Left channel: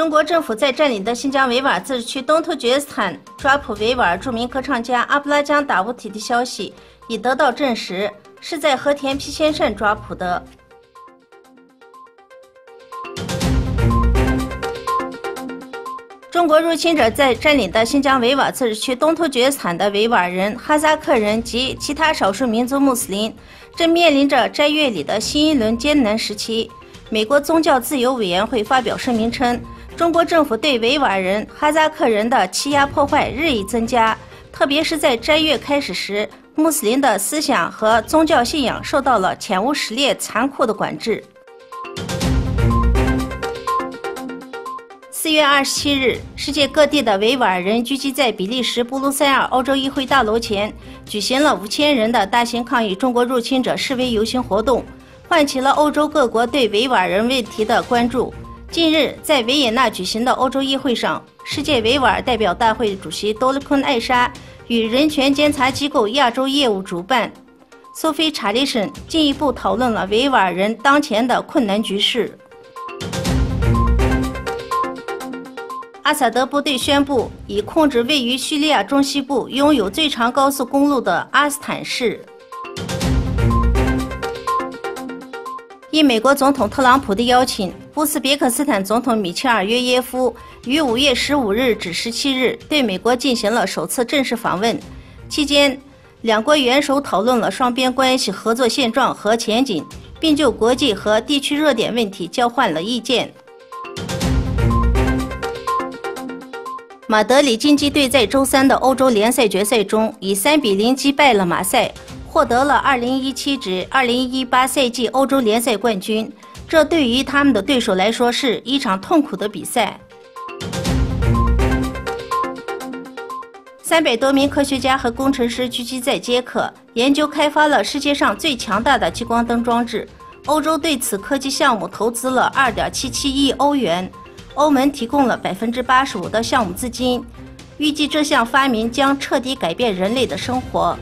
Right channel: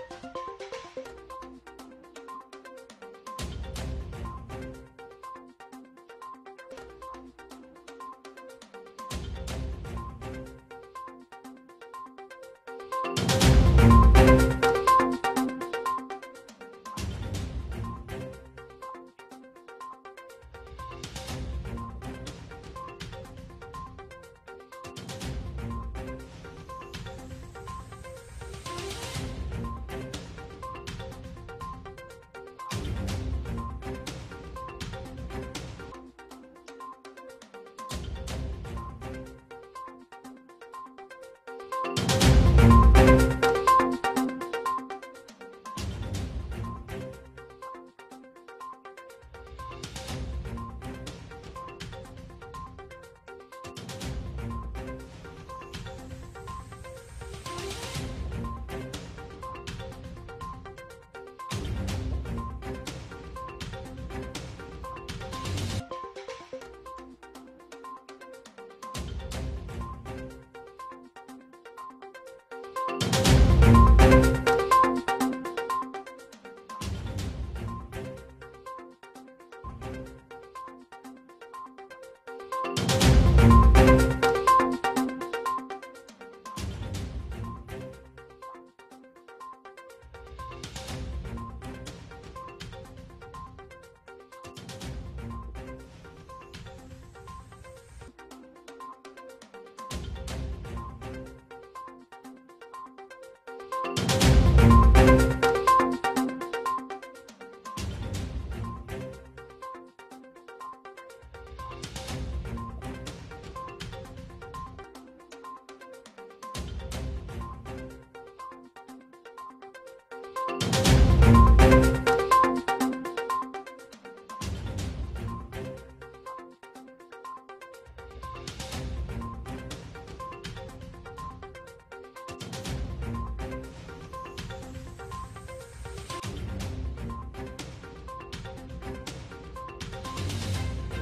中国政府在占领的新疆维吾尔自治区东突厥斯坦抓捕维吾尔著名歌唱家阿布拉江·达乌提的消息已得到证实，是在和田皮先生抓捕的。中国入侵者在占领的新疆维吾尔自治区东突厥斯坦的维吾尔人、哈萨克人及其他少数民族穆斯林正面临着斋月里的新一轮艰难时期。美国宗教自由委员会发表声明称，中国政府对维吾尔人、哈萨克人的欺压破坏日益增加，特别是在斋月开始时，穆斯林的思想和宗教信仰受到了潜无实烈、残酷的管制。4月27日，世界各地的维吾尔人聚集在比利时布鲁塞尔欧洲议会大楼前，举行了5000人的大型抗议中国入侵者示威游行活动，唤起了欧洲各国对维吾尔人问题的关注。近日，在维也纳举行的欧洲议会上，世界维吾尔代表大会主席多勒昆艾莎与人权监察机构亚洲业务主办苏菲查理什进一步讨论了维吾尔人当前的困难局势。阿萨德部队宣布已控制位于叙利亚中西部、拥有最长高速公路的阿斯坦市。应美国总统特朗普的邀请，乌兹别克斯坦总统米切尔约耶夫于5月15日至17日对美国进行了首次正式访问。期间，两国元首讨论了双边关系合作现状和前景，并就国际和地区热点问题交换了意见。马德里竞技队在周3的欧洲联赛决赛中以3比0击败了马赛，获得了2017至2018赛季欧洲联赛冠军。这对于他们的对手来说是一场痛苦的比赛。300多名科学家和工程师聚集在捷克，研究开发了世界上最强大的激光灯装置。欧洲对此科技项目投资了2.77亿欧元。欧盟提供了85%的项目资金，预计这项发明将彻底改变人类的生活。